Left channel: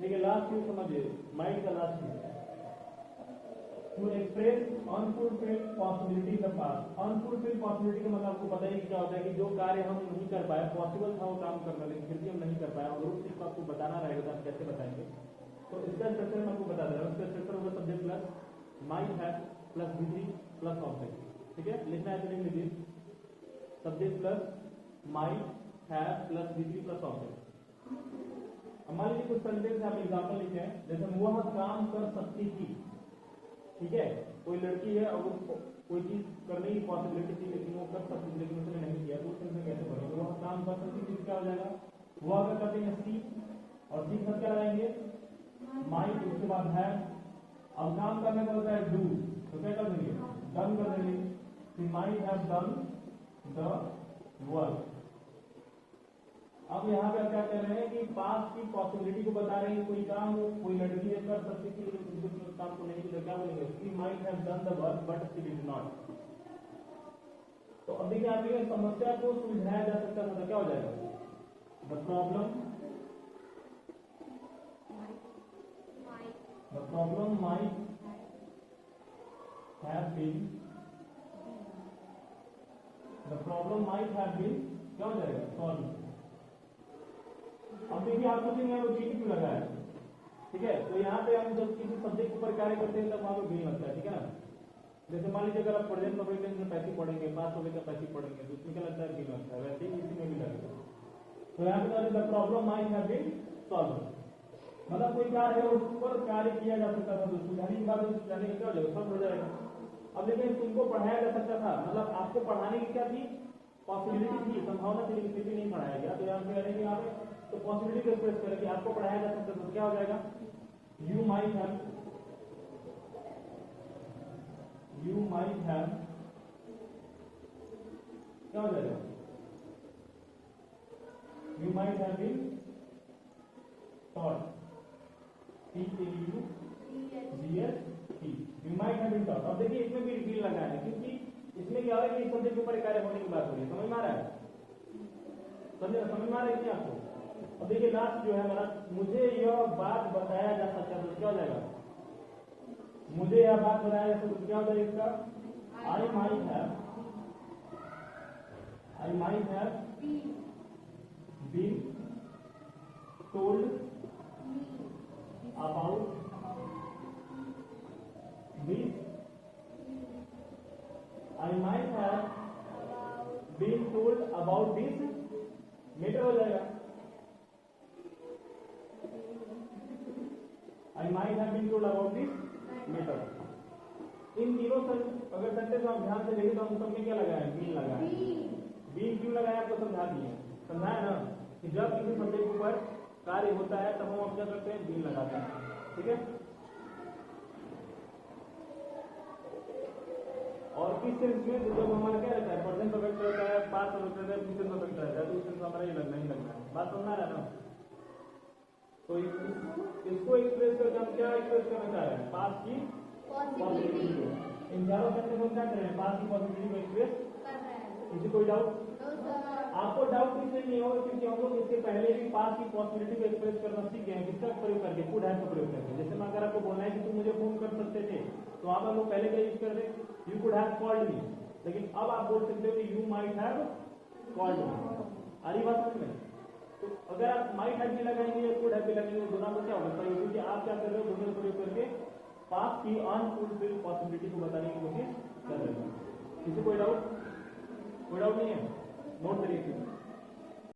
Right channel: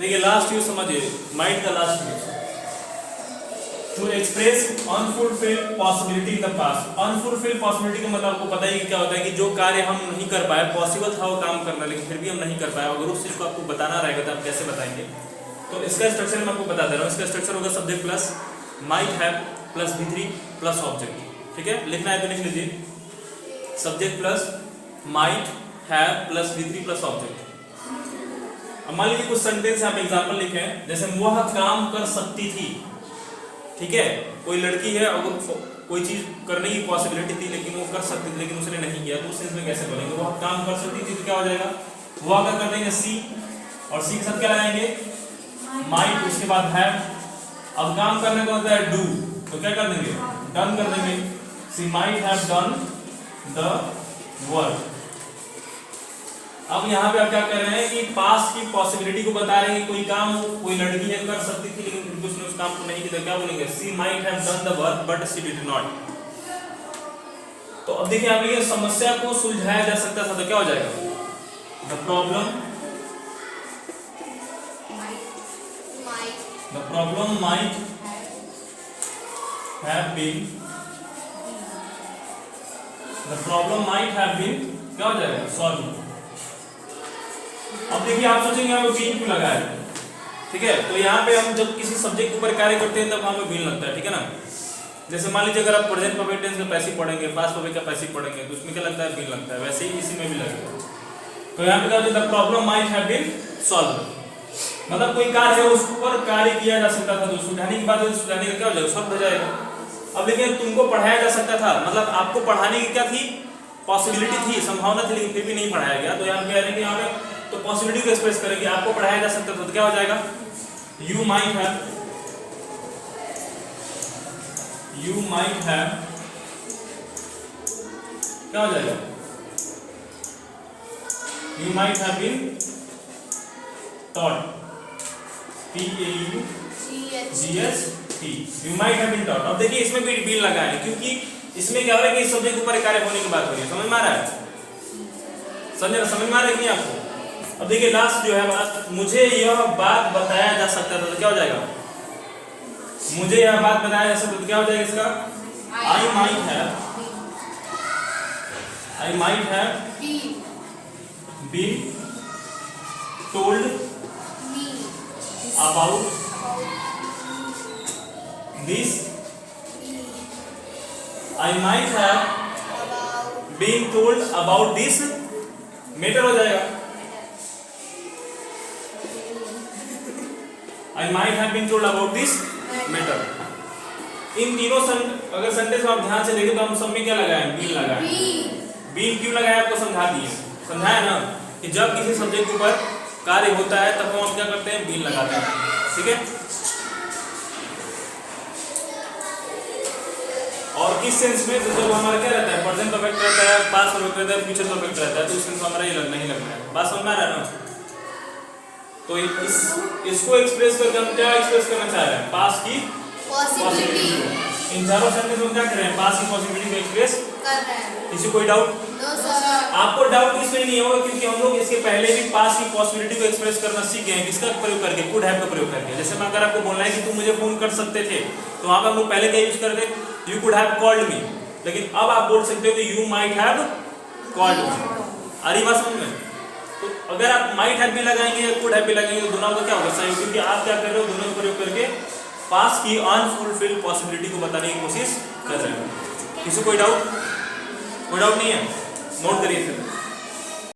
देखिए last use समझिए, might का last use to express unfulfilled possibility in the past. Unfulfilled possibility का मतलब आपको पता ही क्या होता है कि जो कार्य हम नहीं कर पाए, पॉसिबल था वो काम करना लेकिन फिर भी हम नहीं कर पाए, अगर उस चीज़ को आपको बताना रहेगा तो आप कैसे बताएंगे। तो इसका स्ट्रक्चर मैं आपको बता दे रहा हूँ। इसका स्ट्रक्चर होगा subject plus might have plus V3 plus object. ठीक है, लिखना है तो लिख लीजिए, subject plus might have plus V3 plus object. अब मान लीजिए कुछ सेंटेंस आप एग्जांपल लिखे हैं, जैसे वह काम कर सकती थी। ठीक है, कोई लड़की है और कोई चीज करने की पॉसिबिलिटी थी लेकिन वो कर सकती थी लेकिन उसने नहीं किया, तो उस सेंस में कैसे बोलेंगे? वह काम कर सकती थी तो क्या हो जाएगा? वो अगर कर देंगे सी, और सी के साथ क्या लगाएंगे? माइट, उसके बाद हैव। अब काम करने को होता है डू, तो क्या कर देंगे? डन कर देंगे। She might have done the work. अब यहाँ पे आप क्या कर रहे हैं कि पास्ट की पॉसिबिलिटी को बता रहे हैं कि कोई काम कोई लड़की है कर सकती थी लेकिन फिर उसने उस काम को नहीं किया, क्या बोलेंगे? She might have done the work but she did not. तो अब देखिए आप ये समस्या को सुलझाया जा सकता था तो क्या हो जाएगा? The problem might have been, the problem might have been क्या हो जाएगा? सॉल्व। अब देखिए आप सोचेंगे यहाँ पे बीन क्यों लगा है? ठीक है, तो यहाँ पे हम जब किसी सब्जेक्ट के ऊपर कार्य करते हैं तब वहाँ पे बीन लगता है। ठीक है ना, जैसे मान लीजिए अगर आप प्रेजेंट परफेक्ट टेंस का पैसिव पढ़ेंगे, पास्ट परफेक्ट का पैसिव पढ़ेंगे तो उसमें क्या लगता है? बीन लगता है। वैसे ही इसी में भी लगेगा। तो यहाँ पे क्या होता है? The problem might have been solve, मतलब कोई कार्य है उस पर कार्य किया जा सकता था, तो सुलझाने की बात है, सुलझाने का क्या हो जाएगा? सॉल्व हो जाएगा। अब लेकिन तुमको पढ़ाया जा सकता था, मतलब आपको पढ़ाने की क्या थी? पॉसिबिलिटी थी, संभावना थी, लेकिन फिर भी नहीं पढ़ाया गया। तो यहाँ पे कह रहे हैं यहाँ पे तो पॉसिबिलिटी को एक्सप्रेस करेंगे, आपको पढ़ाया जा सकता था तो क्या हो जाएगा? यू माइट हैव क्या हो जाएगा? You might have been taught, P-A-U-G-S-T, you might have been taught. अब देखिए इसमें भी बीन लगा है क्योंकि इसमें क्या हो रहा है कि इस सब्जेक्ट के ऊपर कार्य होने की बात हो रही है। समझ में आ रहा है? समझ में आ रहा है कि नहीं आपको? अब देखिए लास्ट जो है हमारा, मुझे यह बात बताया जा सकता था तो क्या हो जाएगा? मुझे यह बात बताया जा सकता तो क्या हो जाएगा इसका? I might have been told about this, I might have been told about this matter हो जाएगा। I might have been told about this matter। इन तीनों अगर सेंटेंस में आप ध्यान से देखें तो हम सब में क्या लगाए? बीन लगाए। बीन क्यों लगाया? आपको समझा दिए, समझाया ना कि जब किसी सब्जेक्ट के ऊपर कार्य होता है तब हम क्या करते हैं? बीन लगाते हैं। ठीक है, और किस सेंस में? तो जब हमारा क्या रहता है? प्रेजेंट परफेक्ट रहता है, पास्ट परफेक्ट रहता है, फ्यूचर परफेक्ट रहता है, तो इस सेंस में हमारा ये लगना ही लगना है। बात समझ में आ रहा है ना? तो इसको एक्सप्रेस करके हम क्या एक्सप्रेस करना चाह रहे हैं? पास्ट की पॉसिबिलिटी को। इन चारों सेंटेंस में क्या कर रहे हैं? पास्ट की पॉसिबिलिटी को एक्सप्रेस कर रहे हैं। किसी कोई डाउट? No sir. आपको डाउट इसलिए नहीं होगा क्योंकि हम लोग इसके पहले भी पास्ट की पॉसिबिलिटी को एक्सप्रेस करना सीख गए हैं। किसका प्रयोग करके? कुड हैव का प्रयोग करके। जैसे मैं अगर आपको बोलना है कि तुम मुझे फोन कर सकते थे तो वहां पर हम लोग पहले क्या यूज करते? You could have called me. लेकिन अब आप बोल सकते हो कि you might have called me. आ रही बात समझ में? तो अगर आप माइट हैव भी लगाएंगे या कुड हैव भी लगाएंगे तो दोनों का क्या होगा? सही, क्योंकि आप क्या कर रहे हो? दोनों का प्रयोग करके पास्ट की अनफुलफिल्ड पॉसिबिलिटी को बताने की कोशिश कर रहे हो। किसी कोई डाउट? कोई डाउट नहीं है? नोट करिए फिर।